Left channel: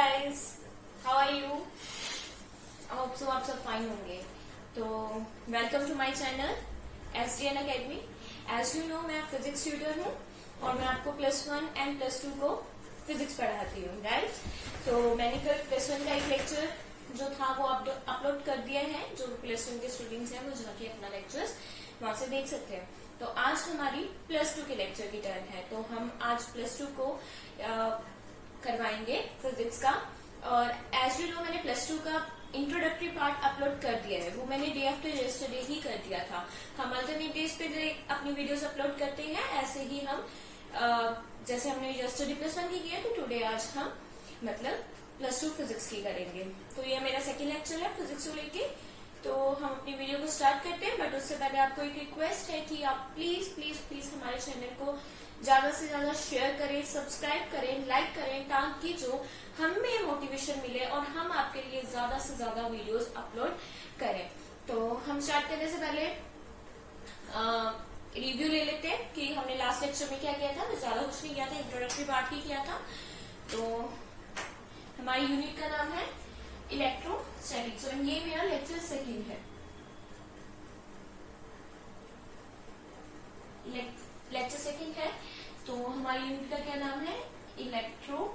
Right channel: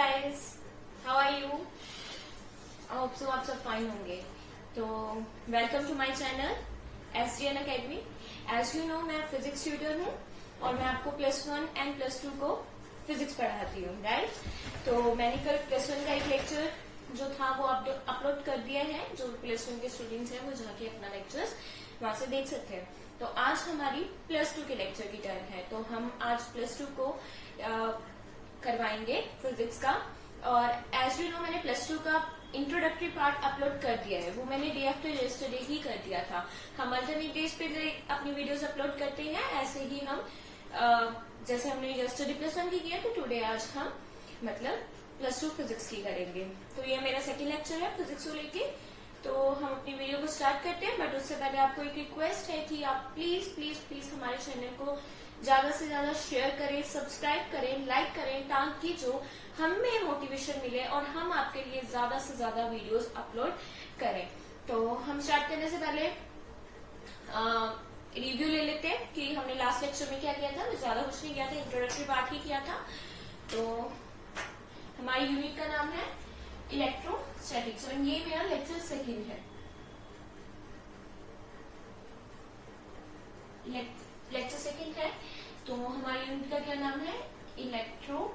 Guys, how are you? Hope so आप सब fine होंगे। तो welcome to my channel SDN academy. As you know मैं physics tutor हूँ और मैं आपको +1 एंड +2 को फिजिक्स पढ़ाती हूँ, राइट? तो मैंने कल +1 का एक लेक्चर जो था वो अपलोड कर दिया है। जो +1 के स्टूडेंट्स हैं वो जाके अपना लेक्चर्स वहां से देख सकते हैं। तो आज हमारी +2 के लेक्चर की टर्न है, तो हम आज +2 को करवाएंगे फिजिक्स का। और एज यू नो मैंने +2 का इंट्रोडक्टरी पार्ट अपलोड कर दिया है, वो मैंने डे आफ्टर यस्टरडे ही कर दिया था। हम अल्टरनेट डेज पे अपनी वीडियोस अपलोड करते हैं, ऐसे ही हम जैसे हमने यस्टरडे +1 की किया, तो टुडे आज हम मतलब +2 फिजिक्स की करेंगे। तो ये मेरा सेकेंड लेक्चर है फिजिक्स को लेके। तो हम अपनी वीडियो को स्टार्ट करते हैं, बट उससे पहले आपको एक रिक्वेस्ट है कि आप प्लीज प्लीज प्लीज हमारे चैनल को ज्यादा से ज्यादा शेयर करें, सब्सक्राइब करें, लाइक करें, ताकि जो हमें मोटिवेशन मिले और हम आपके लिए ज्यादा से ज्यादा वीडियोस अपलोड करें। तो हम स्टार्ट करने से पहले रिव्यू ले लेते हैं कि हमने लास्ट लेक्चर में क्या किया था। मैं ज्यादा कुछ नहीं किया था, इंट्रोडक्टरी पार्ट ही किया था। तो हमारी यूनिट का नाम है इलेक्ट्रोस्टैटिक्स और ये मेरा लेक्चर सेकेंड है। लेक्चर सेकेंड है, तो हमारी यूनिट का क्या नाम है? Electrostatic.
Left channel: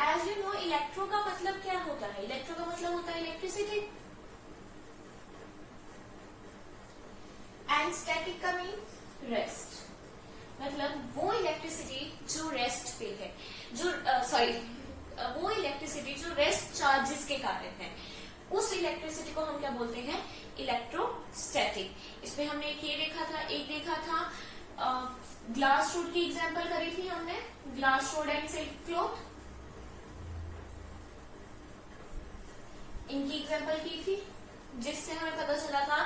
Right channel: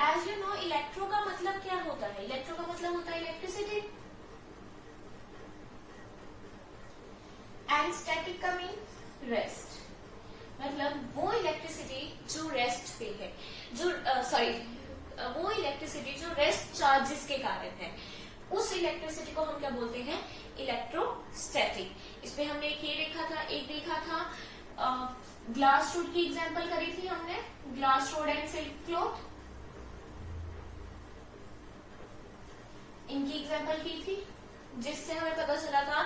As you know electro का मतलब क्या होता है? इलेक्ट्रो का मतलब होता है इलेक्ट्रिसिटी, एंड स्टैटिक का मीन रेस्ट। मतलब वो इलेक्ट्रिसिटी जो रेस्ट पे है, जो वो इलेक्ट्रिसिटी जो रेस्ट चार्जेस के कारण है, उस इलेक्ट्रिसिटी को हम क्या बोलते हैं? इलेक्ट्रोस्टैटिक। इसमें हमने एक देखा था ग्लास रोड की एग्जांपल करी थी हमने, glass rod and silk cloth, इनकी एग्जांपल की थी, जिससे हमें पता चला था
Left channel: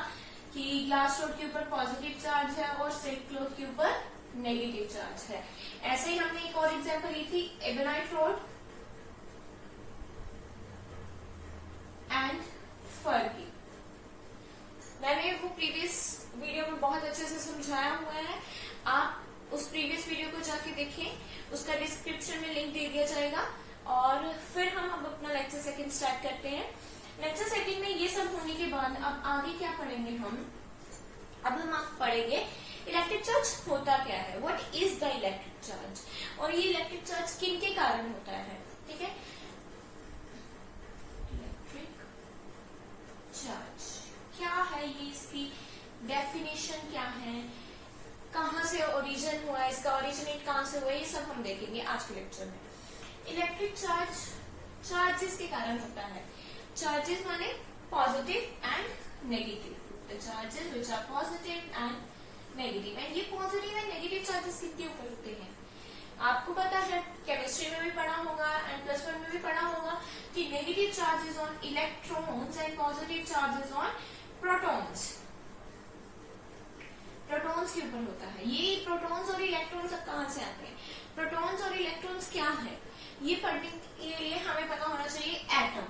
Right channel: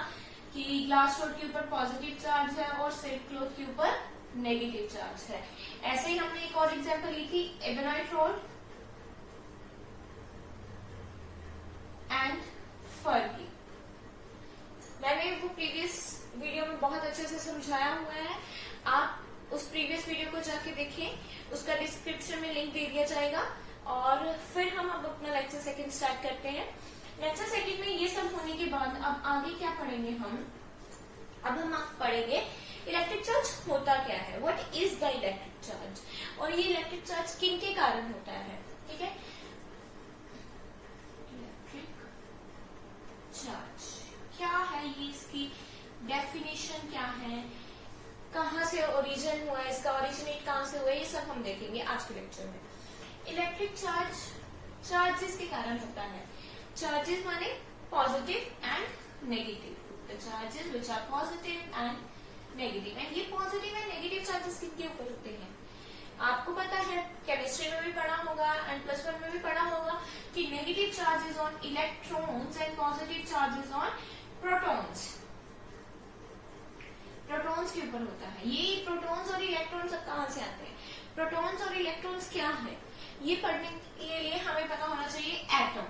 कि ग्लास रोड के ऊपर पॉजिटिव चार्ज है और सिल्क क्लॉथ के ऊपर नेगेटिव चार्ज है। ऐसे ही हमने एक और एग्जांपल ली थी एबेनाइट रोड एंड फर की। मैंने वो प्रीवियस वीडियो में बहुत अच्छे से समझाया हुआ है, आप उस प्रीवियस वीडियो को जाके देखें, उसका डिस्क्रिप्शन में लिंक दे दिया जाएगा। और फिर हम अब अपना लेक्चर सेकंड स्टार्ट करते हैं। लेक्चर सेकंड में ये सब होने के बाद अब आगे क्या पढ़ेंगे हम? अब हम पढ़ेंगे इलेक्ट्रिक चार्ज होता क्या है, what is the electric charge, और ये इलेक्ट्रिक चार्ज किन के कारण होता है, ठीक है? इलेक्ट्रिक चार्ज क्या है, ये इसकी डेफिनेशन क्या है, कहाँ से ओरिजिन हुआ है, इसका ओरिजिनेट कहाँ से हुआ है, ये सब हम देखेंगे आज के लेक्चर में। इलेक्ट्रिक चार्ज चार्जेस के कारण होता है। चार्जेस माने positive and negative, the charges which are positive and negative. And ये पॉजिटिव एंड नेगेटिव चार्जेस किसके ऊपर होते हैं? आपको पता है, केमिस्ट्री में भी पढ़ा होगा एंड +1 में भी पढ़ा होगा कि negative charges on electrons and positive charges on protons. Protons के ऊपर होता है। ये प्रोटॉन्स और इलेक्ट्रॉन्स कहाँ से आते हैं? प्रोटॉन्स और इलेक्ट्रॉन्स क्या है, ये पढ़ने के लिए हमें पता होना चाहिए एटम।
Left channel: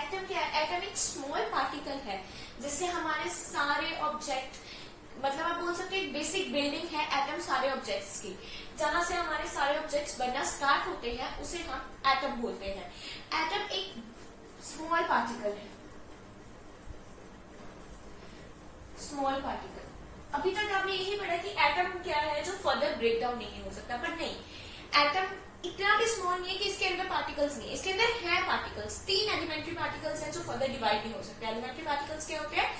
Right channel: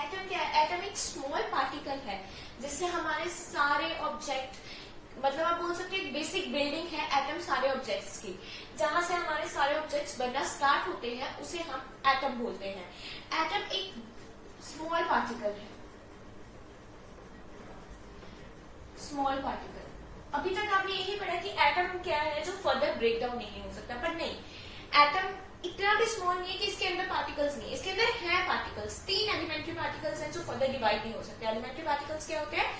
एटम क्या है? एटम एक स्मॉल पार्टिकल है जिससे हमारे सारे ऑब्जेक्ट, मतलब आप बोल सकते हैं एक बेसिक बिल्डिंग है एटम सारे ऑब्जेक्ट्स की। जहां से हमारे सारे ऑब्जेक्ट्स बनना स्टार्ट होते हैं उसे हम एटम बोलते हैं। एटम एक स्मॉल पार्टिकल है, स्मॉल पार्टिकल। अभी तक आपने यही पढ़ा कि एटम क्या है जो फर्दर ब्रेक डाउन नहीं हो सकता, पर नहीं, एटम इतना भी स्मॉल नहीं है कि इसके अंदर पार्टिकल्स नहीं, इसके अंदर है पार्टिकल्स। 3 एलिमेंट्री पार्टिकल्स हैं जो फर्दर डिवाइड नहीं हो सकते। एलिमेंट्री पार्टिकल्स क्या होते हैं?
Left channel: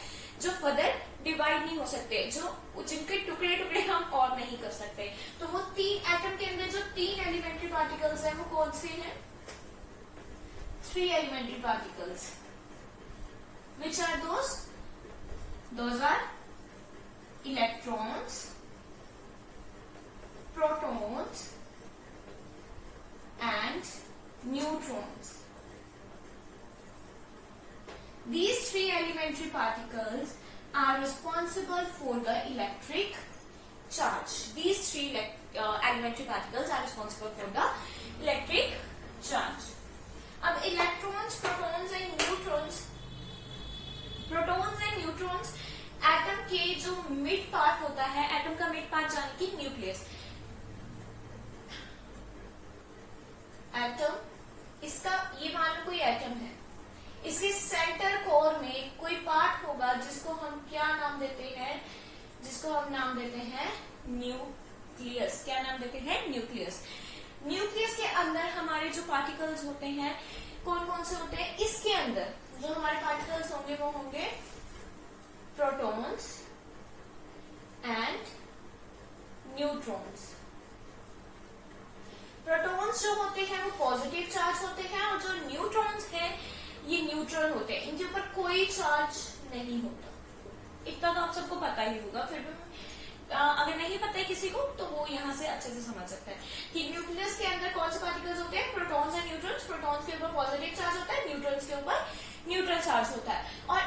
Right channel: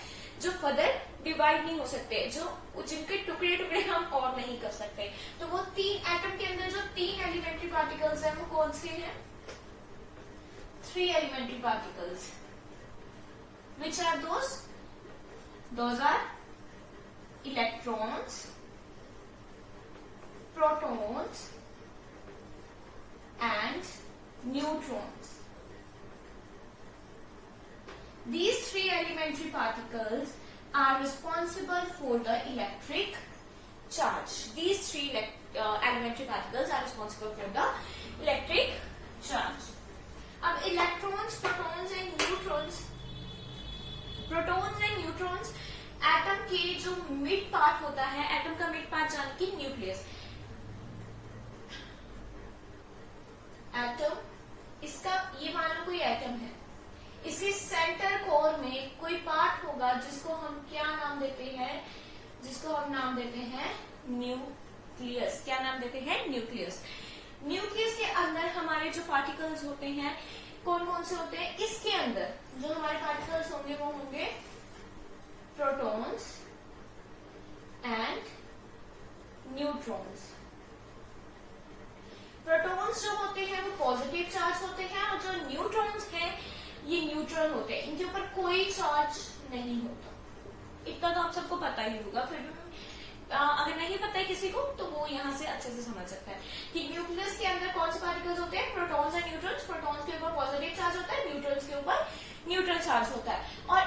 जो फर्दर डिवाइड नहीं हो सकते, जो जिनके टुकड़े टुकड़े हम और नहीं कर सकते। तो वो 3 एटम के अंदर जो 3 एलिमेंट्री पार्टिकल्स हैं वो कौन से हैं? 3 elementary particles. Which are those are electrons, protons and neutrons. These 3 elementary particles are responsible for the electric charge. These 3 elementary particles are responsible for the electric charge. अब electrons, protons and neutrons atom के जो mid part होता है, atom का mid part जाने की nucleus, atom, इसका ये मान लो कोई एटम है, इसके सेंटर कोर में कोई पार्ट होगा जिसको हम क्या नाम देते हैं, जिसको हम नाम देते हैं न्यूक्लियस। क्या नाम देते हैं? न्यूक्लियस। न्यूक्लियस के अंदर हमारे जो पार्टिकल्स होते हैं कौन कौन से होते हैं? इसके अंदर जो हमारे पार्टिकल्स होंगे वो होंगे प्रोटॉन्स एंड न्यूट्रॉन्स। प्रोटॉन्स जो होते हैं वो पॉजिटिव चार्ज होते हैं और जो न्यूट्रॉन्स हैं ये न्यूट्रल होते हैं, इनके ऊपर कोई चार्ज नहीं होता। इतना तो आप सबको पता ही होगा, फिर भी अगर नहीं पता है किसी को तो वो यहाँ से अच्छे से समझ सकता है कि न्यूक्लियस के अंदर कौन से पार्टिकल्स होते हैं? Protons and neutrons. प्रोटॉन्स के ऊपर पॉजिटिव चार्ज होता है, न्यूट्रॉन्स के ऊपर न्यूट्रल चार्ज होता है। और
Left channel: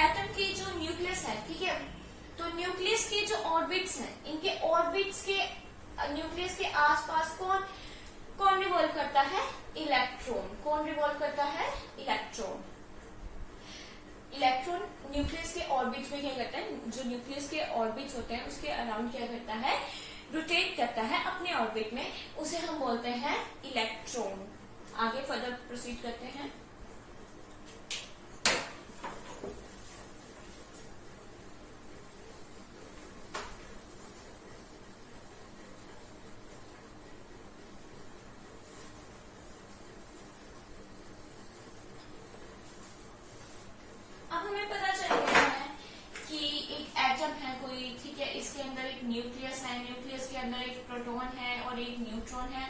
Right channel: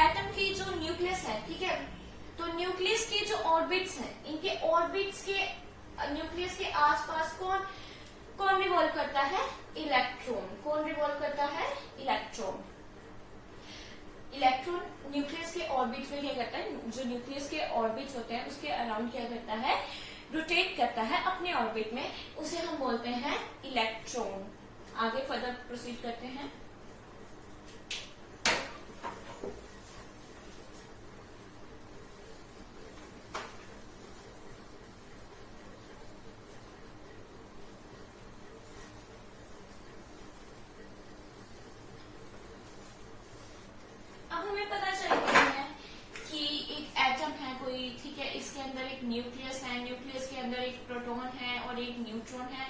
एटम की जो न्यूक्लियस है, ठीक है, तो न्यूक्लियस के जो ऑर्बिट्स हैं, इनके ऑर्बिट्स के न्यूक्लियस के आसपास कौन रिवॉल्व करता है? इलेक्ट्रॉन। कौन रिवॉल्व करता है? इलेक्ट्रॉन। इलेक्ट्रॉन न्यूक्लियस के ऑर्बिट में क्या करता है? जो न्यूक्लियस के ऑर्बिट्स होते हैं उसके अराउंड क्या करता है? रोटेट करता है अपने ऑर्बिट में, उसे हम बोलते हैं इलेक्ट्रॉन। आगे फर्दर प्रोसीड करते हैं। ठीक है, इसके अंदर एक न्यूक्लियस है, न्यूक्लियस के अंदर एक प्रोटॉन है और एक न्यूट्रॉन है।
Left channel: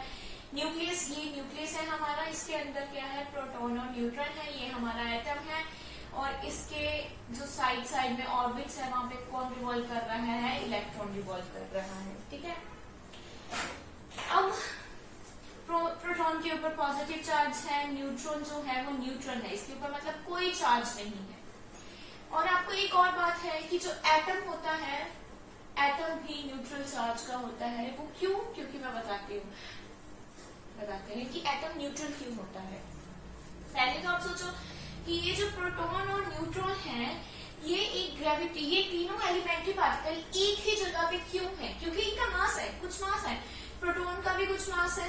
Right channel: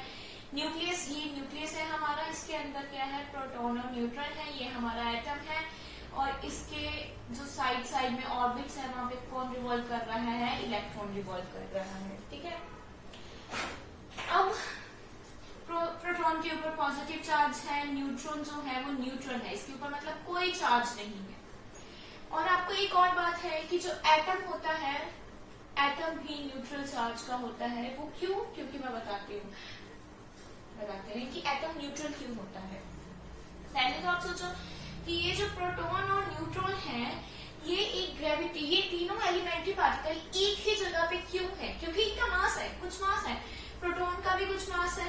न्यूक्लियस, ये न्यूक्लियस है हमारा, इसके अंदर क्या है? प्रोटॉन और न्यूट्रॉन है, ये हमारा एटम है। और इसके जो साइड में ऑर्बिट्स है वहां पे कौन रिवॉल्व कर रहा है? इलेक्ट्रॉन रिवॉल्व कर रहा है। ठीक है, अब प्रोटॉन के ऊपर पॉजिटिव चार्ज है, न्यूट्रॉन जो है वो न्यूट्रल है, इसके ऊपर मतलब कोई चार्ज नहीं है। और आपको एक और बात है कि जो एटम होता है, एटम भी न्यूट्रल चार्ज का होता है। वो क्यों? क्योंकि मैं बताते हैं कि एटम न्यूट्रल क्यों होता है। पहले तो आप सोचो कि ये जो प्रोटॉन और न्यूट्रॉन है, ये एक ग्रेविटी, ये तीनों एलिमेंट्री पार्टिकल एक ही जगह पे क्यों है? क्योंकि इनका मास है, कुछ मास है। प्रोटॉन का भी कुछ मास है,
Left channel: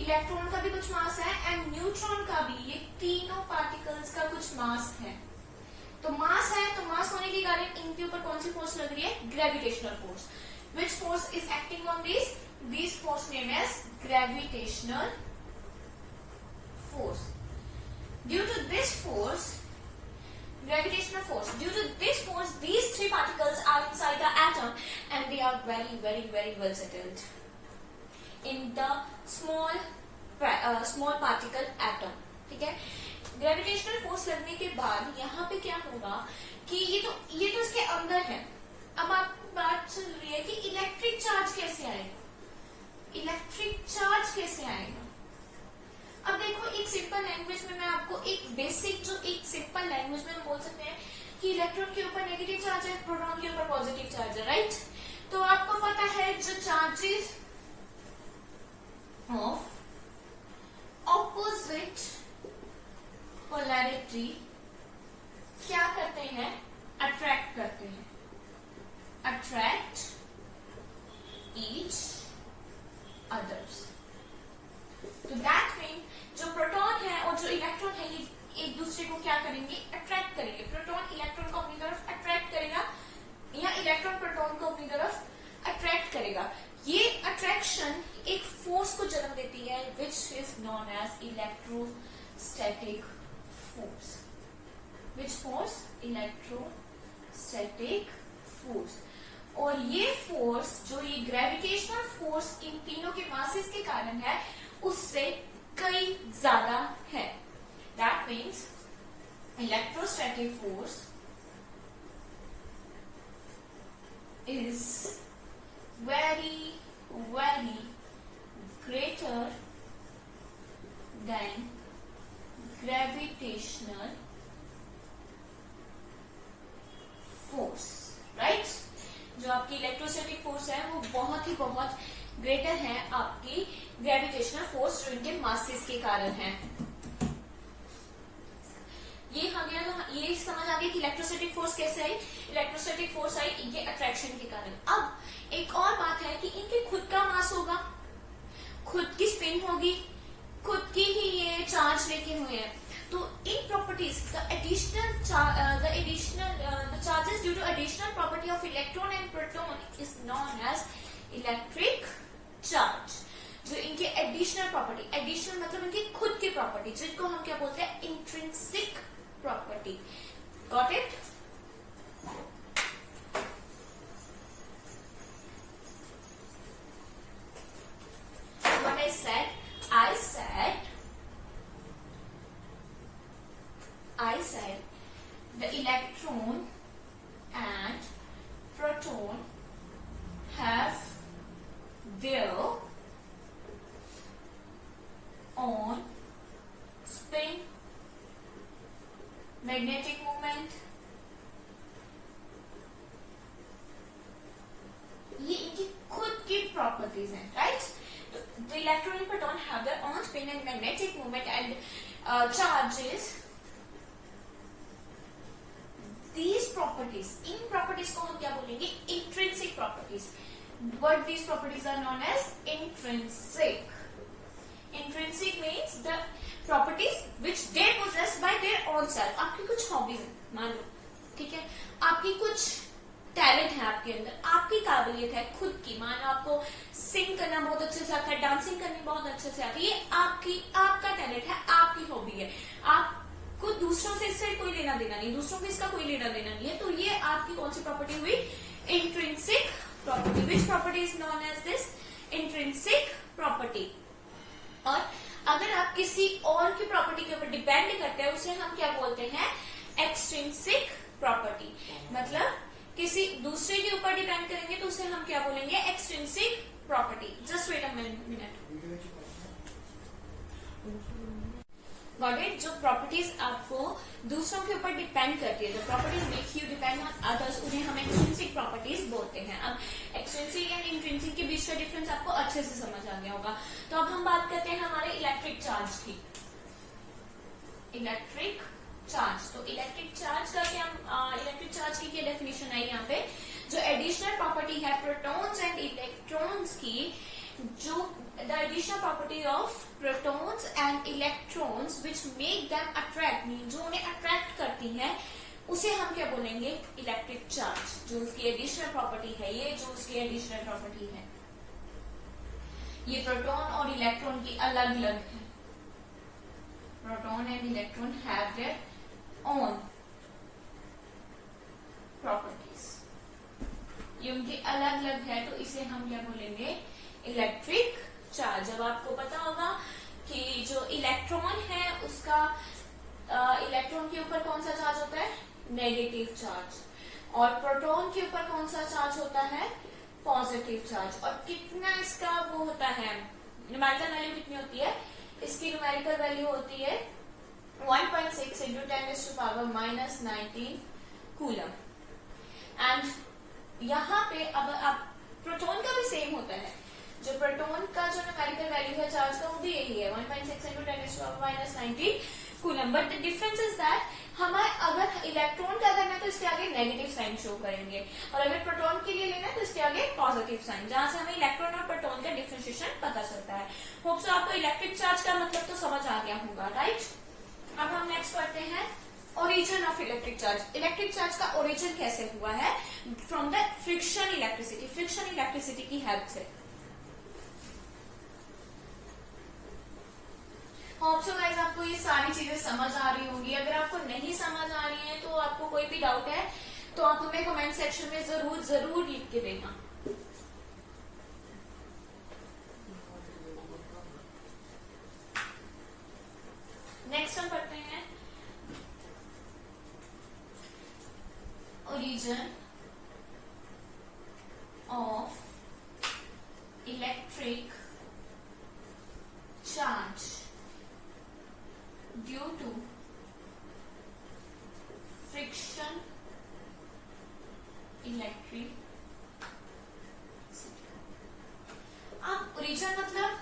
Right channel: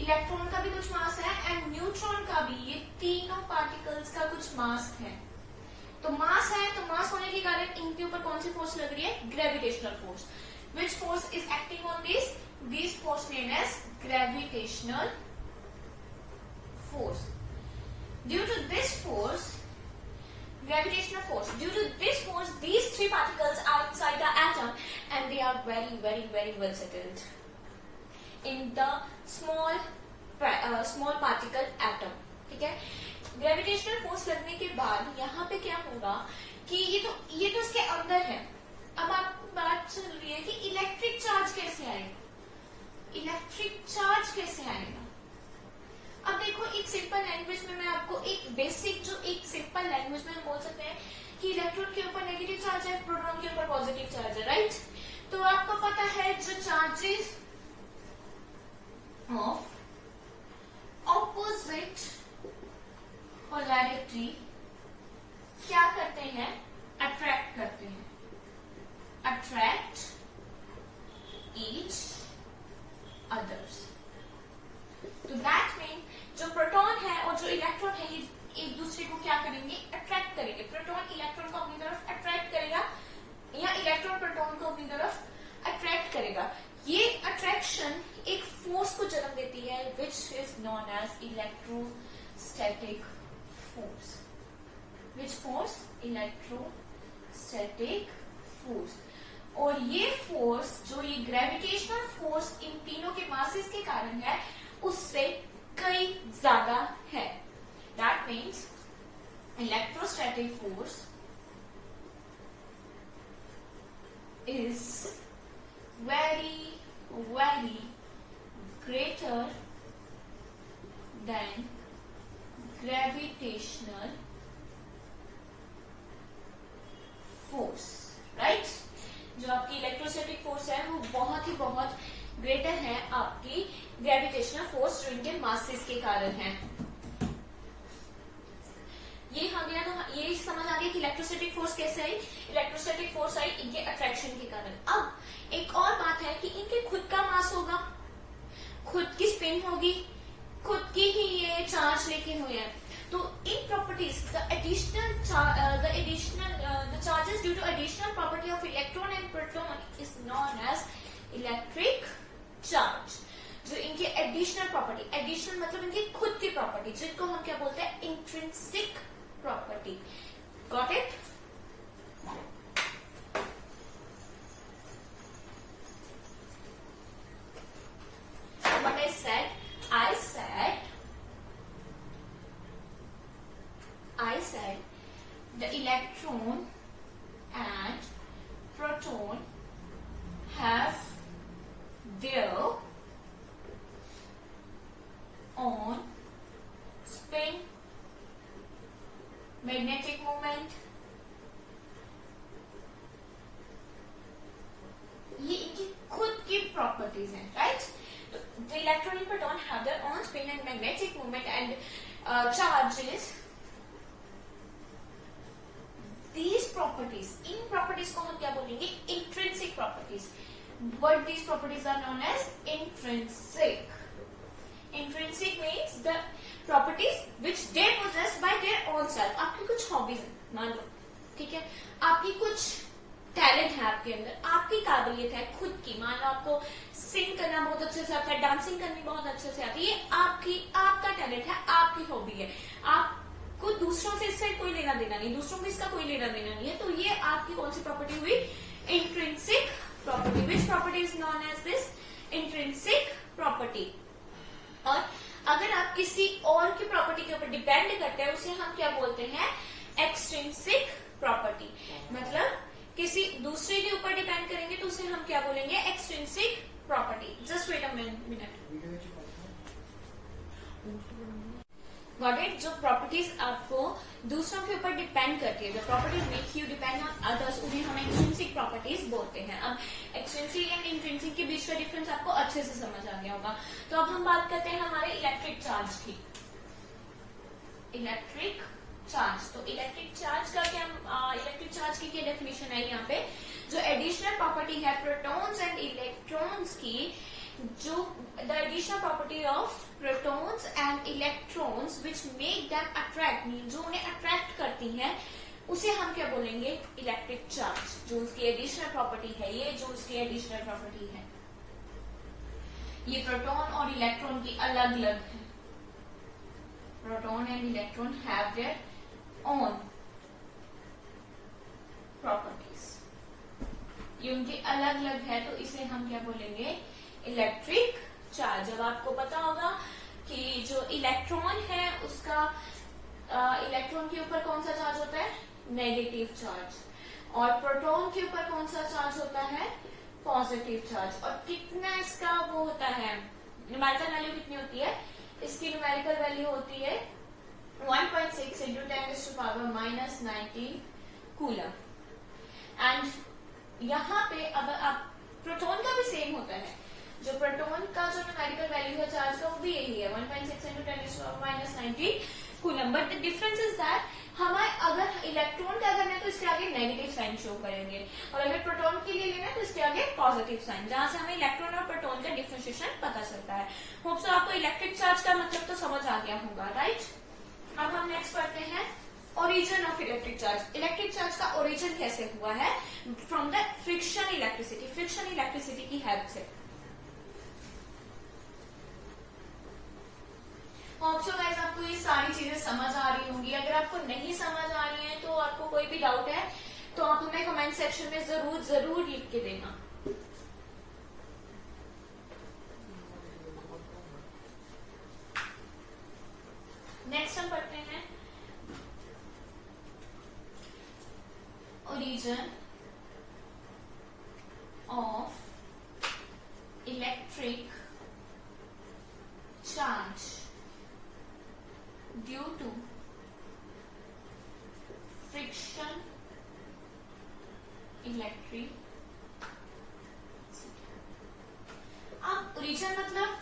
इलेक्ट्रॉन का भी कुछ मास है एंड न्यूट्रॉन का भी। ये तीनों पार्टिकल्स का कुछ मास है। तो मास है, तो मास होने के कारण इनके ऊपर कौन सी फोर्स लग रही है? Gravitational force. Which force is acting on this force name as gravitational force. Due to this force, gravitational force, due to this force, these three particles are inside the atom and they are very, very, very well settled in the small particle atom. ठीक है, gravitational force लगने के बाद यहाँ पे क्या होगा कि ये तो इसके अंदर है। अब आपको बात चल रही है कि इलेक्ट्रिक चार्ज कैसे आएगा? इलेक्ट्रिक चार्ज कैसे आएगा? अब देखो, एक सिंपल लैंग्वेज में मैं आपको एक बेसिक, जो एक सिंपल लैंग्वेज में हम बोल सकते हैं कि इलेक्ट्रॉन के ऊपर नेगेटिव चार्ज है, प्रोटॉन के ऊपर पॉजिटिव चार्ज है, राइट? तो आपको पता है जो चार्जेस ऑफ ऑपोजिट पोलैरिटी क्या करते हैं? अट्रैक्ट करते हैं, अट्रैक्ट ईच अदर्स। तो दैट मीन जो प्रोटॉन है और जो इलेक्ट्रॉन है ये एक दूसरे को क्या करेंगे? अट्रैक्ट करेंगे। प्रोटॉन इलेक्ट्रॉन को अपनी तरफ अट्रैक्ट करेगा या इलेक्ट्रॉन प्रोटॉन को अपनी तरफ अट्रैक्ट करेगा। ये अट्रैक्शन एक फोर्स को जन्म देती है which is known as electrostatic force. Which force? Electrostatic force. और ये फोर्स, जो ये ग्रेविटेशनल फोर्स इन तीनों के मासेस के कारण है, उससे कई ज्यादा है। That means electrostatic force is very very greater than gravitational force, right? जो आपकी इलेक्ट्रोस्टैटिक फोर्स है वो बहुत ही बहुत ग्रेटर है आपकी ग्रेविटेशनल फोर्स, जो इनके मासेस के कारण है। ये हम ये समझ आ गई कि इलेक्ट्रोस्टैटिक फोर्स कैसे आई? इलेक्ट्रोस्टैटिक फोर्स आई इनके अट्रैक्शन के कारण। अब एक और बात है कि इनके खुद का मास होगा, खुद की स्पिन होगी, खुद की ही ये चार्ज लेके हुए हैं। तो इन properties the charges due to additional property of electron and proton is known as electric charge। जो इनकी एडिशनल प्रॉपर्टी, एडिशनल मतलब इनकी खुद की प्रॉपर्टी, जिनको हम क्या बोलते हैं, intrinsic property. Got it? What I said the electron and proton have their own spin, magnetic moment, ये इनकी खुद की प्रॉपर्टीज हैं, right? The electron and proton have their own spin and magnetic moment and charges. These properties, in properties को हम क्या बोलेंगे, intrinsic properties, but these properties are known as intrinsic। Intrinsic means the properties which they possess by their own self। आपकी कुछ hobbies है, मान लो, ठीक है, आपकी कुछ टैलेंट है आपके अंदर, आपकी काबिलियत है खुद की, मान लो आपको सिंग करना बहुत अच्छे से आता है, डांसिंग करनी बहुत अच्छे से आती है, ये आपका टैलेंट है, आपकी हॉबी है। आपको दूसरों से इससे कोई लेना देना नहीं, दूसरों को इसका कोई लेना देना नहीं है, तो ये आपकी कौन सी प्रॉपर्टी हुई, intrinsic property. Which property is known as this, intrinsic property. और अगर आप किसी और की प्रॉपर्टी के ऊपर डिपेंड करते हैं, उसे हम क्या बोलते हैं, एक्सट्रिंसिक प्रॉपर्टी। मतलब किसी दूसरे के ऊपर डिपेंड करेंगे तो उसे हम क्या बोलेंगे, extrinsic property. Just wait a minute. Got it? जो प्रॉपर्टीज आपको दूसरों के ऊपर डिपेंड करती है, जो properties make you depend on others, उन्हें हम एक्सट्रिंसिक प्रॉपर्टीज बोलते हैं। अब एक्सट्रिंसिक एंड इंट्रिंसिक के बीच का डिफरेंस आपको अच्छे से समझ आ गया होगा। तो अब हम बात करते हैं हमारे इलेक्ट्रिक चार्ज की। इलेक्ट्रिक चार्ज, तो इलेक्ट्रिक चार्ज का क्या, इलेक्ट्रिक चार्ज की क्या डेफिनेशन है यहाँ पे, जो एडिशनल प्रॉपर्टी है प्रोटॉन्स एंड इलेक्ट्रॉन्स की, जो the additional property of protons and electrons which make them attract, जो उन्हें अट्रैक्ट करती हैं, उसे हम क्या बोलेंगे, इलेक्ट्रिक चार्ज। जो उसकी एडिशनल प्रॉपर्टी है, ये जो उसकी एडिशनल प्रॉपर्टी है, ये प्रोटॉन और इलेक्ट्रॉन की अलग अलग है। Proton and electron have their own properties, ये उनकी अलग अलग है, तो इसे हम क्या बोलेंगे, इलेक्ट्रिक चार्ज। अब आपको पता होगा कि जो इलेक्ट्रॉन है उसका इलेक्ट्रॉन के ऊपर कौन सा चार्ज होता है, नेगेटिव चार्ज, और प्रोटॉन के ऊपर कौन सा चार्ज होता है, पॉजिटिव चार्ज। और कितना इसका वो होता है, न्यूमेरिकल वैल्यू कितनी होती है, इसकी न्यूमेरिकल वैल्यू होती है 1.6 into 10⁻⁻19 कूलम। एंड यहाँ पे अब आप प्रोटॉन का भी सेम होता है, जो प्रोटॉन का जो न्यूमेरिकल वैल्यू है चार्ज का, वो भी यही है 1.6 into 10⁻⁻19 coulomb. But the difference is that हमारे अगर इलेक्ट्रॉन का करना है तो इसके आगे नेगेटिव साइन शो करेंगे, और अगर प्रोटॉन के लिए लेना है तो इसके आगे पॉजिटिव साइन, जहां से हमें इलेक्ट्रॉन और प्रोटॉन का डिफरेंशिएशन पता चलता है। होप सो आपको इलेक्ट्रिक चार्ज का मतलब तो समझ आ गया होगा, राइट? अब हम नेक्स्ट करते हैं origin of electric charge. Electric charge का ओरिजिन कैसे हुआ है, from the friction electricity, friction electricity की हेल्प से। होप सो गाइस आपको ये सारी चीजें समझ आ रही होंगी। अगर आपको नहीं समझ आ रही है, तो आपको कोई भी डाउट है तो आप हमें कमेंट सेक्शन में जरूर जरूर लिख के देना। नेक्स्ट हम पढ़ते हैं origin of electric charge due to friction electric. अब ओरिजिन मतलब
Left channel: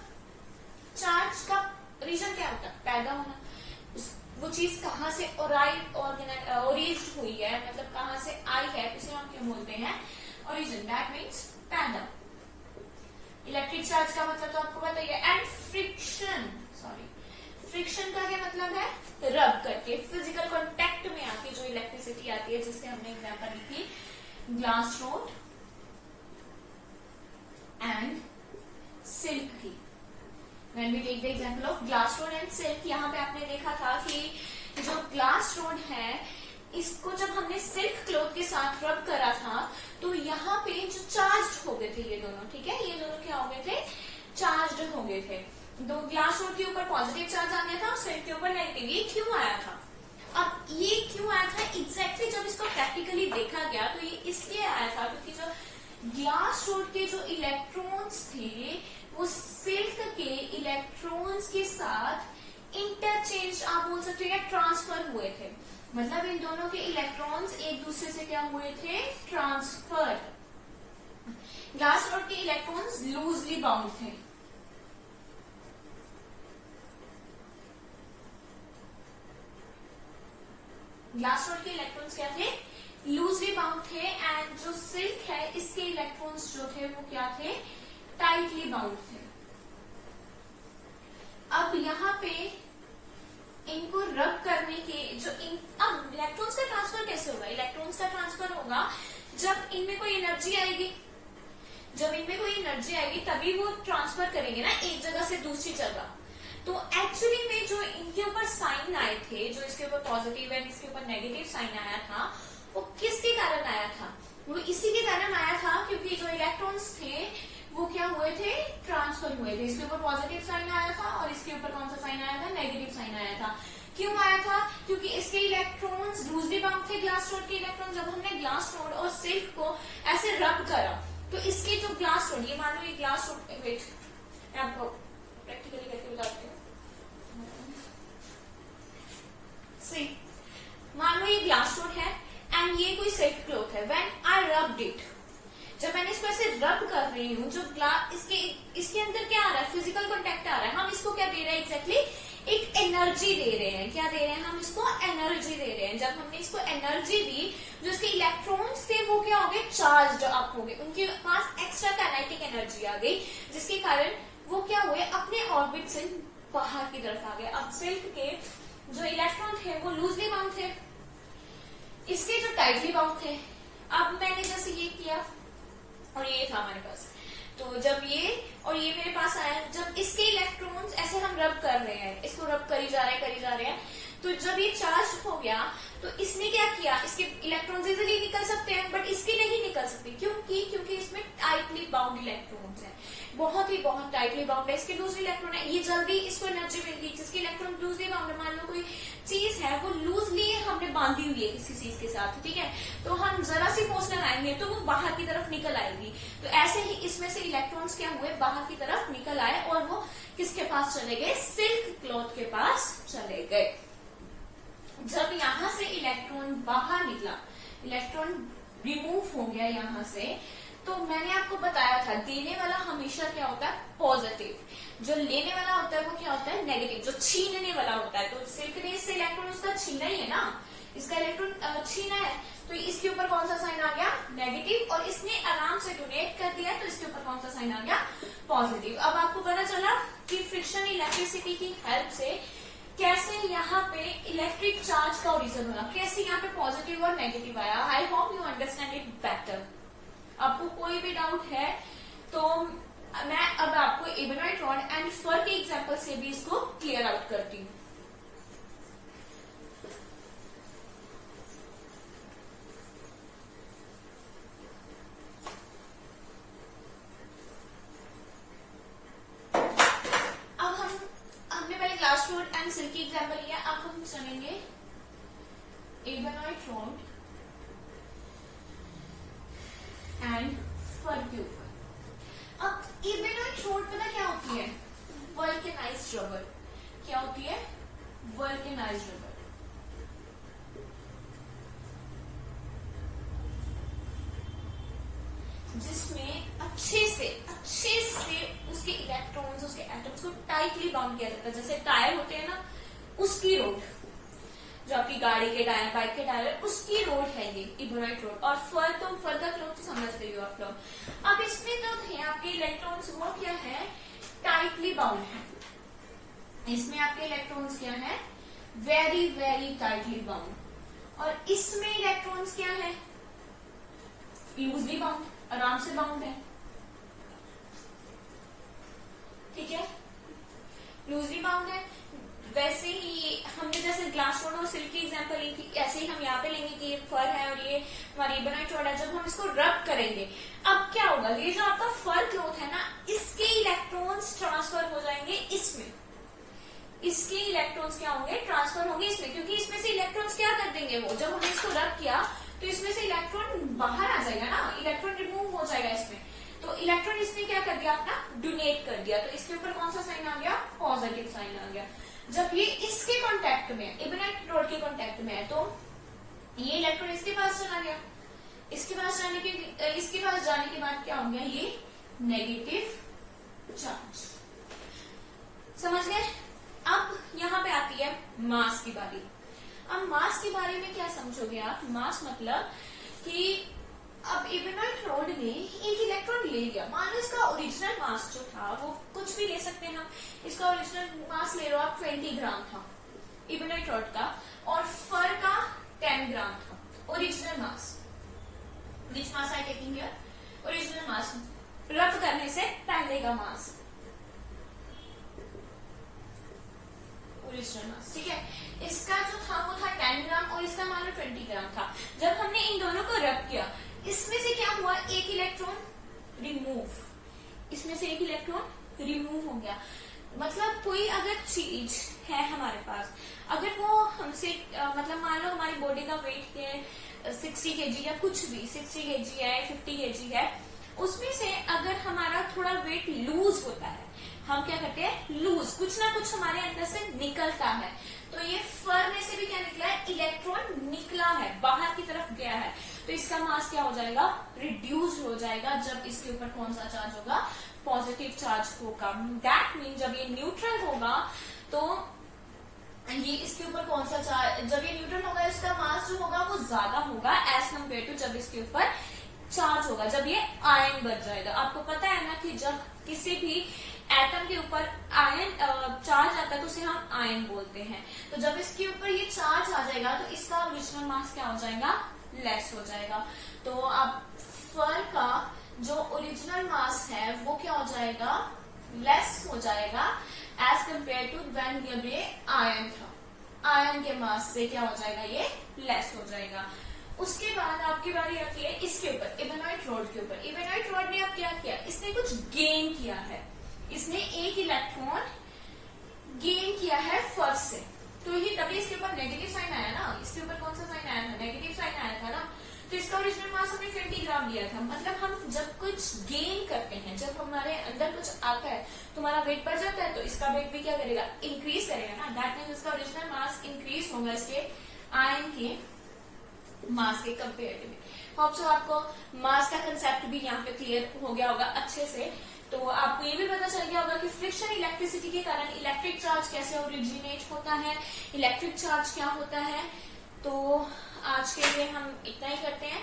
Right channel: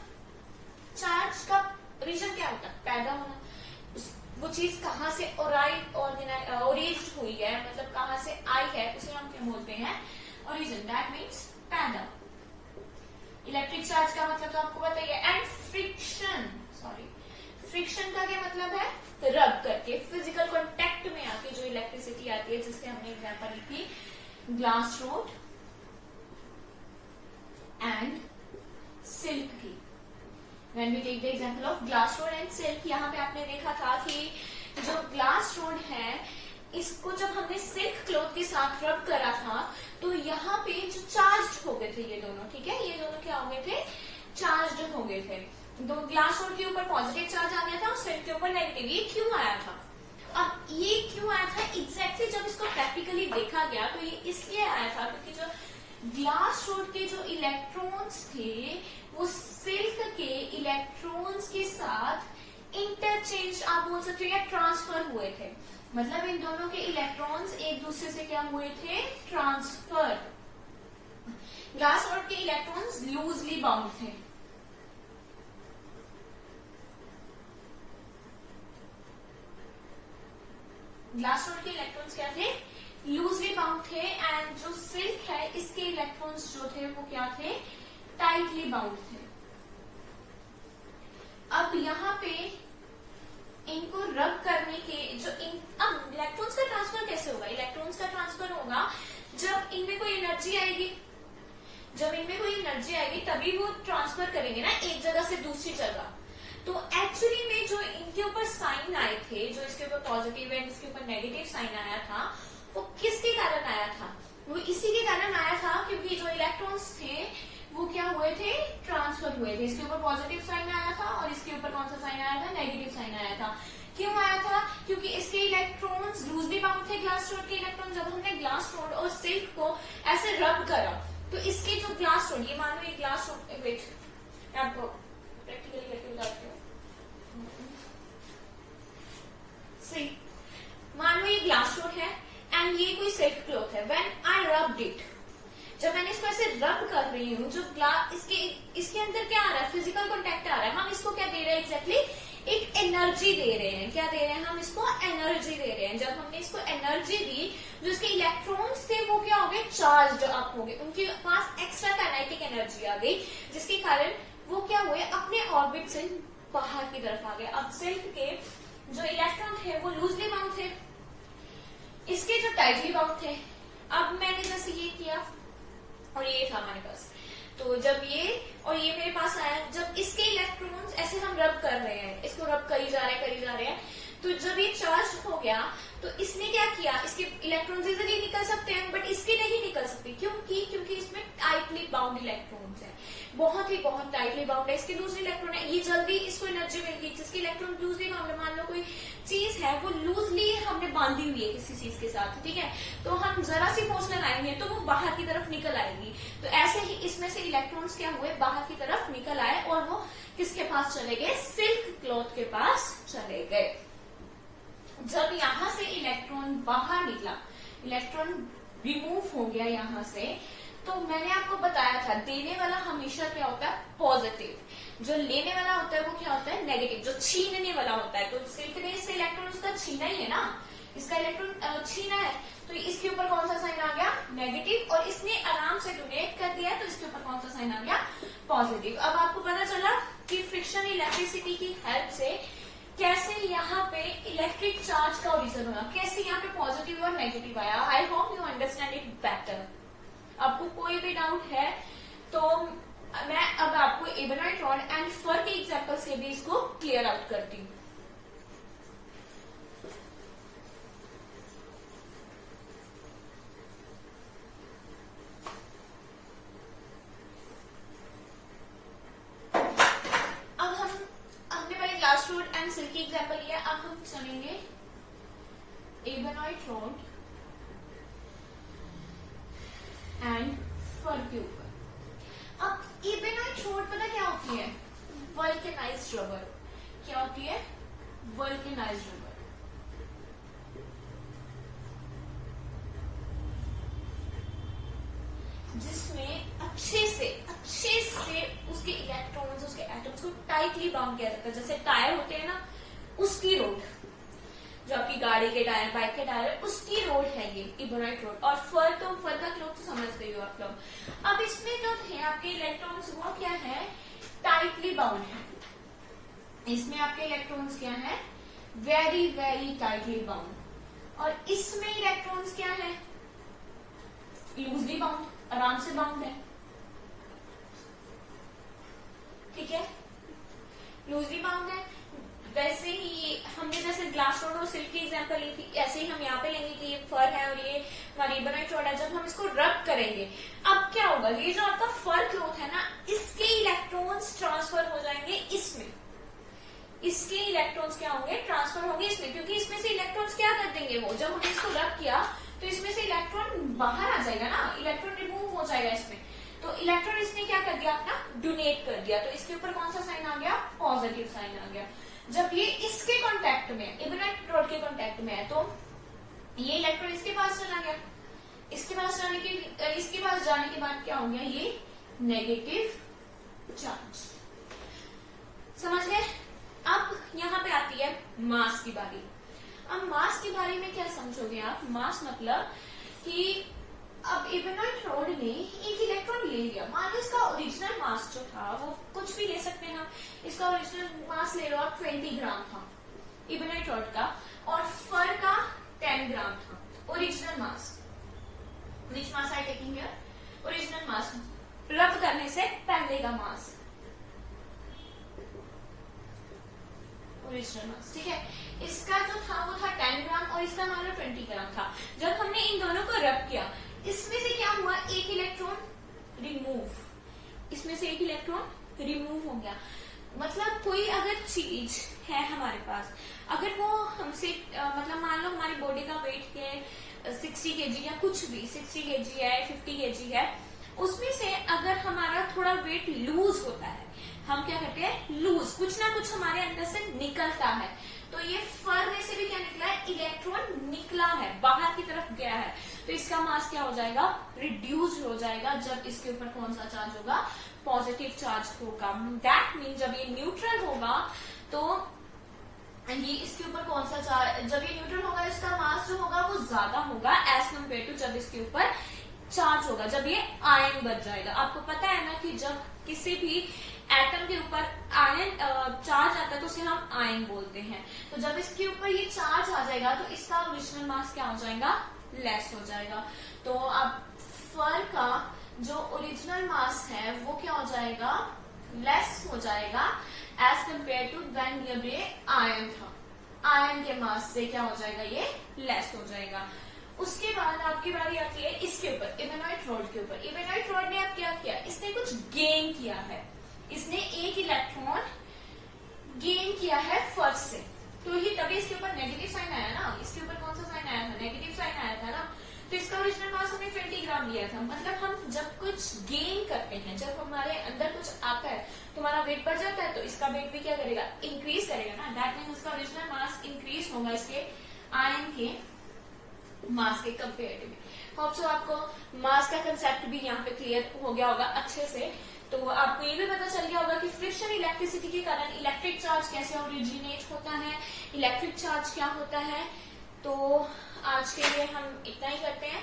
चार्ज का ओरिजिन क्या होता है, पैदा होना। वो चीज कहाँ से ओरिज हुई है, मतलब कहाँ से आई है, उसे हम क्या बोलते हैं, ओरिजिन। दैट मीन्स पैदा। इलेक्ट्रिक चार्ज का मतलब तो आपको बताइए। एंड फ्रिक्शन, सॉरी, फ्रिक्शन का क्या मतलब है? रब करके, फिजिकल कांटेक्ट में आके जो इलेक्ट्रिसिटी आती है, जिससे हमने एग्जांपल ली थी ग्लास रोड एंड सिल्क की। When we take the example of glass rod and silk, यहाँ पे आपने देखा था कि जो ग्लास रोड है इसको जब हमने सिल्क क्लॉथ के साथ रब करा था तो यहाँ पे जो चार्ज हो गए थे ये दोनों, ठीक है, ये दोनों क्या हो गए थे? चार्ज हो गए थे। तो ग्लास रोड के ऊपर पॉजिटिव चार्ज आ गया था और सिल्क के ऊपर नेगेटिव। ये क्यों आया था? अब ये क्यों आया था एग्जैक्टली जब इसको प्रैक्टिकली देखा गया तो ये इसलिए आया था क्योंकि जो ग्लास रोड के जो इलेक्ट्रॉन्स थे वो सिल्क के इलेक्ट्रॉन्स के साथ इंटरचेंज, आप बोल सकते हो, या ट्रांसफर हुए थे। मतलब इन दोनों के इलेक्ट्रॉन्स एक दूसरे से क्या हुए थे? ट्रांसफर। ग्लास रोड के इलेक्ट्रॉन्स लूजली बाउंड थे, ग्लास रोड के इलेक्ट्रॉन्स क्या थे? लूजली बाउंड थे। एंड जो सिल्क है इसके इलेक्ट्रॉन्स जो थे वो क्या थे? टाइटली बाउंड थे। अब यहाँ पे इनको रब करने के जो अब इलेक्ट्रॉन्स का ट्रांसफर कैसे होगा? इलेक्ट्रॉन्स का ट्रांसफर होगा जब इनमें कोई एनर्जी आएगी, जब इनमें कोई एनर्जी आएगी तभी वो ट्रांसफर करेंगे ना एक जगह से दूसरी जगह। तो एक्चुअली में जो इनके ऊपर साइन आए थे, जो इसके ऊपर पॉजिटिव एंड इसके ऊपर नेगेटिव साइन आया था, वो किसके कारण आया था? वो इसी के कारण आया था क्योंकि जो इलेक्ट्रॉन्स थे वो क्या हुए थे? ट्रांसफर हुए थे। इसके ऊपर पॉजिटिव साइन आया था और इसके ऊपर कौन सा साइन आया था? नेगेटिव साइन आया था। क्यों आया था? क्योंकि इसके इलेक्ट्रॉन्स लूजली बाउंड थे। ग्लास रोड के इलेक्ट्रॉन, जब हमने ग्लास रोड और सिल्क को ऐसे रब करा तो इसके जो ग्लास रोड, ये मान लो ये ग्लास रोड, वेट आपको प्रैक्टिकली करके बताती हूँ। मान लो ये ग्लास रोड है एंड ये कोई सिल्क क्लॉथ है। व्हेन आई रब्ड इट, जब मैंने इसको ऐसे रब कर रही हूँ, जो ग्लास इसके अंदर क्या आ रहा है? फिजिकल कांटेक्ट आ रहा है। हम इसको क्या दे रहे हैं? एग्जैक्टली एक एनर्जी दे रहे हैं। क्या दे रहे हैं? हम इसको एनर्जी दे रहे हैं। जब हमने इसको एनर्जी दी, जो इसके इलेक्ट्रॉन्स थे वो क्या हो गए? चार्ज अप हो गए, उनके पास एक्स्ट्रा काइनेटिक एनर्जी आ गई, जिसके कारण वो क्या हुए? अपने ऑर्बिट से बाहर की तरफ आ गए। अब सिल्क के जो इलेक्ट्रॉन थे वो लूजली बाउंड थे, इसके जो टाइटली बाउंड थे। अब मैंने जैसे ये किया और ये था हमारे पास, तो जब ये और ये मेरे पास आया, जब इसके इलेक्ट्रॉन्स ऐसे हम रब कर रहे हैं, इसको रब करी जा रहे हैं, तो जब ये चार्ज हो गया तो इसने क्या किया? इसके इलेक्ट्रॉन्स इजीली निकल सकते हैं बट इसके नहीं निकल सकते। क्योंकि इसमें टाइटली बाउंड इलेक्ट्रॉन्स है, बहुत टाइटली बाउंड है। इसके लूज इलेक्ट्रॉन है, ये जल्दी इसको एनर्जी मिल गई। जिसके इलेक्ट्रॉन लूजली बाउंड है, मान लो कोई चीज है वो लूजली हमने बांधी हुई है किसी चीज के साथ, ठीक है, तो हम जरा सी फोर्स लगाएंगे तो वो बाहर की तरफ निकल आएगी। तो ऐसे ही इसमें से इलेक्ट्रॉन्स क्या हुए? बाहर की तरफ निकल आए और वो किसके पास चले गए? सिल्क क्लॉथ के पास चले गए। जब यहां से इलेक्ट्रॉन बाहर निकला, इलेक्ट्रॉन रिमूव हो गया यहां से, तो मैंने आपको बताया था देने वाला हमेशा क्या होता है? पॉजिटिव। जो लेने वाला होता है वो क्या होता है? नेगेटिव। जो छीनने वाला होता है, तो सिल्क ने इससे इलेक्ट्रॉन उसका छीना ही है ना, इसका इलेक्ट्रॉन छीना है, तो इसके ऊपर कौन सा साइन आ गया? नेगेटिव। और इसने आराम से डोनेट कर दिया तो इसके ऊपर कौन सा साइन आ गया? पॉजिटिव। अब आपको पता चला कि फ्रिक्शन इलेक्ट्रिसिटी की हेल्प से कैसे यहाँ पे इलेक्ट्रिक चार्ज का ओरिजिन होना, कैसे यहाँ पे पॉजिटिव और नेगेटिव आया। I hope you understand it better. आपको कोई भी डाउट है तो मैं अब आपको एबेनॉइड रॉड एंड फर के एग्जांपल से भी इसको क्लियर आउट करती हूँ। ग्लास रोड एंड सिल्क की एग्जाम्पल लिया। अब हम चलेंगे एबेनॉइड रॉड एंड फर के ऊपर। अब एबेनॉइड रॉड पता क्या होती है? Vulcanized rubber. क्या होती है? Vulcanized rubber. जिसमें अच्छे से उसके इलेक्ट्रॉन्स, उसके एटम्स को टाइटली बाउंड किया जाता है। जैसे टायर होते हैं ना, उसकी रोड, जो आपकी गाड़ी के टायर, बाइक के टायर, उसकी रोड है ये एबेनॉइड रोड। और फर का क्लॉथ तो समझते ही हो आप लोग। अब इसमें जो थे आपके आपके इलेक्ट्रॉन्स वो क्या है, टाइटली बाउंड है। इसमें आपके इलेक्ट्रॉन्स क्या है, वेरी वेरी टाइटली बाउंड। और इसमें इलेक्ट्रॉन्स क्या है, लूजली बाउंड, आराम से बाउंड है। ठीक है, लूजली बाउंड है। वैसे ही हमने जैसे ग्लास रॉड और सिल्क की एग्जांपल ली थी, ऐसे ही हम यहाँ पे लेंगे कि ये फर है और ये हमारी इबोनाइट रॉड है। जब हम इसको रब करेंगे, अब क्या होगा, ये जो आपका फर क्लॉथ है ना, इसके इलेक्ट्रॉन्स ट्रांसफर हो जाएंगे इसमें, इसके इलेक्ट्रॉन्स क्या होंगे, ट्रांसफर होंगे इसमें, क्योंकि इसमें से इलेक्ट्रॉन्स क्या कर देंगे वो, जब हमने इसको रब किया तो इसमें से इलेक्ट्रॉन बाहर आ जाएगा ना, इलेक्ट्रॉन रिमूव हो जाएगा इसमें। तो इलेक्ट्रॉन इसने क्या कर दिया, अपना डोनेट कर दिया। तो इसके ऊपर कौन सा साइन आ गया, पॉजिटिव साइन आ गया। जब ये इसके कांटेक्ट में है, इबोनाइट रॉड के कांटेक्ट में है, तो ये इलेक्ट्रॉन इसके पास चला गया। इसके पास जाने के बाद क्या हो गया, ये नेगेटिव चार्ज। समझ गए। अब यहाँ पे आती है मास की बारी। अब मास के बारे में क्या समझोगे आप, मास मतलब कि अब इबोनाइट रॉड ने एक इलेक्ट्रॉन ले लिया। मान लो इसका ओरिजिनल मास जो था वो कुछ भी ले सकते हैं हम, इसका ओरिजिनल मास ले लो आप 20 ग्राम था इबोनाइट रॉड का, और फर का 10 ग्राम था original mass. Which mass I taking here, original mass, rub करने से पहले का मास, ओरिजिनल मास। ठीक है, इसका जो था वो था 10 ग्राम और इसका मान लो 20 ग्राम था। जब हमने इन दोनों को रब किया, इसमें से क्या हुआ, एक इलेक्ट्रॉन रिमूव, इसमें से एक इलेक्ट्रॉन रिमूव हो गया। मतलब कोई अगर चीज है हमारे पास, अगर वो हमसे मतलब मान लो हमारी बॉडी का वेट है 60 kg या कुछ भी 60 kg है 50 kg है, उसमें से अगर हमारा थोड़ा वेट लूज होता है, हम क्या करते हैं, लूज, कुछ ना कुछ हमारे अंदर से निकलता है। तो ये फर में से भी क्या निकला है, इलेक्ट्रॉन निकला है, बाहर की तरफ गया है। तो इसका मास क्या हो जाएगा, रिड्यूस हो जाएगा। जब इसके ऊपर कौन सा चार्ज होगा, पॉजिटिव चार्ज होगा। दैट मीन जब ये न्यूट्रल होगा तो ये इसके ऊपर कौन सा चार्ज, जब ये न्यूट्रल होगा इसका मास जो होगा वो ज्यादा होगा एज कम्पेयर टू जब इसके ऊपर चार्ज होगा, जब ये आयन बन जाएगा। आपको पता है ना कि जब किसी भी एटम के ऊपर आयन चार्ज आता है तो उसे हम आयन बोलते हैं। तो जब इसके ऊपर ये चार्ज आ जाएगा तो इसका ओरिजिनल मास क्या हो जाएगा, लेस हो जाएगा। तो अब फर का जो ओरिजिनल मास है वो क्या हो जाएगा, लेस हो जाएगा एज कम्पेयर टू व्हेन जब ये आयन था। आयन के मास से क्या हो जाएगा, ये लेस हो जाएगा। उसके बाद आपकी बारी आती है इसके ऊपर, इबोनाइट रॉड के ऊपर। इबोनाइट रॉड ने अब क्या किया, इसने कुछ गेन किया है, इसने एक इलेक्ट्रॉन गेन किया है फर्स्ट से। तो ये तभी इसके ऊपर नेगेटिव साइन आया ना, इसके ऊपर कौन सा साइन आया था, नेगेटिव साइन आया था ना। तो इसका ओरिजिनल मास हमने 20 ग्राम लिया था। मतलब हम जब कुछ गेन करते हैं, जब हमारे अंदर कुछ आता है तो हमारा वेट बढ़ जाता है, तो इसका वेट भी क्या करेगा, इंक्रीज करेगा ना। दैट मीन्स उसका ओरिजिनल मास इंक्रीज होगा इसके आयन के मास के कंपेरेटिवली। होप सो आपको मास का कंसेप्ट भी यहाँ पे क्लियर हो गया होगा अच्छे से। तो आपको ये भी पता चल गया होगा कि फ्रिक्शन इलेक्ट्रिसिटी के कारण इलेक्ट्रिक चार्ज कैसे ओरिजिनेट होता है, इलेक्ट्रिक चार्ज क्या होता है। तो आज के लिए हम इतना ही करते हैं।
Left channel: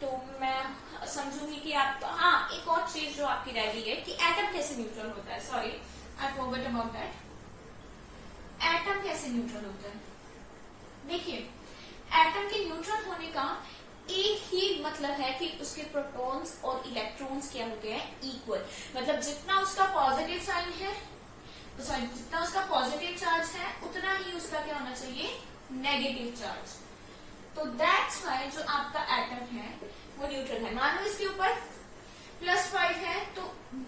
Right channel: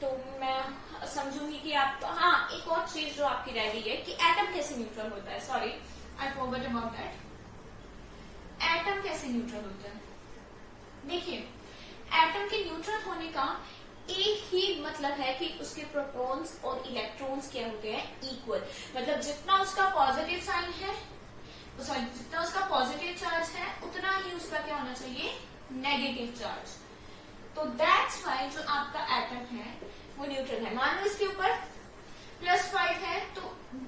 तो मैं समझूंगी कि आप, हाँ एक और चीज जो आपकी रह गई है कि एटम कैसे न्यूट्रल होता है। Sorry I forgot about that. Atom कैसे न्यूट्रल होता है, देखिए एटम के न्यूट्रल होने का एक ही मतलब है कि उसके प्रोटॉन्स और इलेक्ट्रॉन्स क्या होते हैं, इक्वल। मतलब जितना उसका पॉजिटिव साइन है, सॉरी जितना उसका पॉजिटिव चार्ज है उतना ही उसका क्या होना चाहिए, नेगेटिव चार्ज। तो दैट्स वाई जो आपका एटम है वो न्यूट्रल है। मान लो इसके ऊपर +5 है तो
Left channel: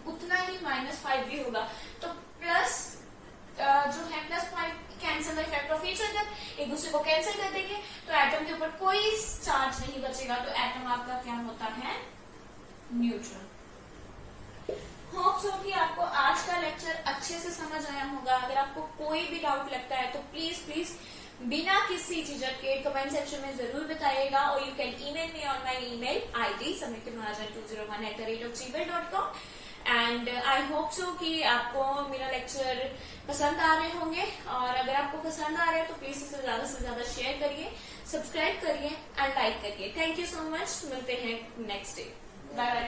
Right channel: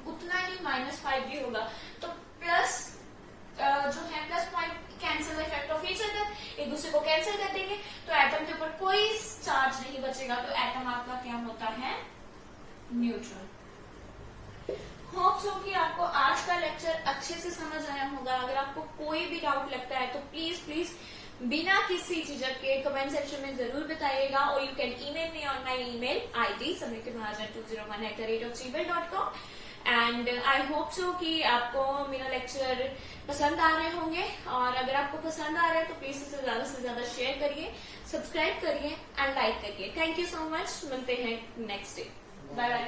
उतना ही -5 भी होगा। तो प्लस जो है +5 cancel by factor of nature कर, एक दूसरे को कैंसिल कर देंगे तो एटम के ऊपर कोई चार्ज नहीं बचेगा। तो एटम आपका क्या होता है, न्यूट्रल। होप सो कि आपको आज का लेक्चर अच्छे से समझ आया होगा। अगर आपको कोई भी डाउट लगता है तो प्लीज बिना किसी झिझक के कमेंट सेक्शन में जरूर बताइएगा, और you can email me on my email ID samriktamahajan201@gmail.com। And I hope so कि आपको मेरा लेक्चर पसंद आ रहे होंगे, और अगर आपको पसंद आ रहा है तो प्लीज इसे ज्यादा से ज्यादा शेयर करिए, सब्सक्राइब करिए एंड लाइक करिए। थैंक यू सो मच, मिलते हैं नेक्स्ट डे। Bye bye.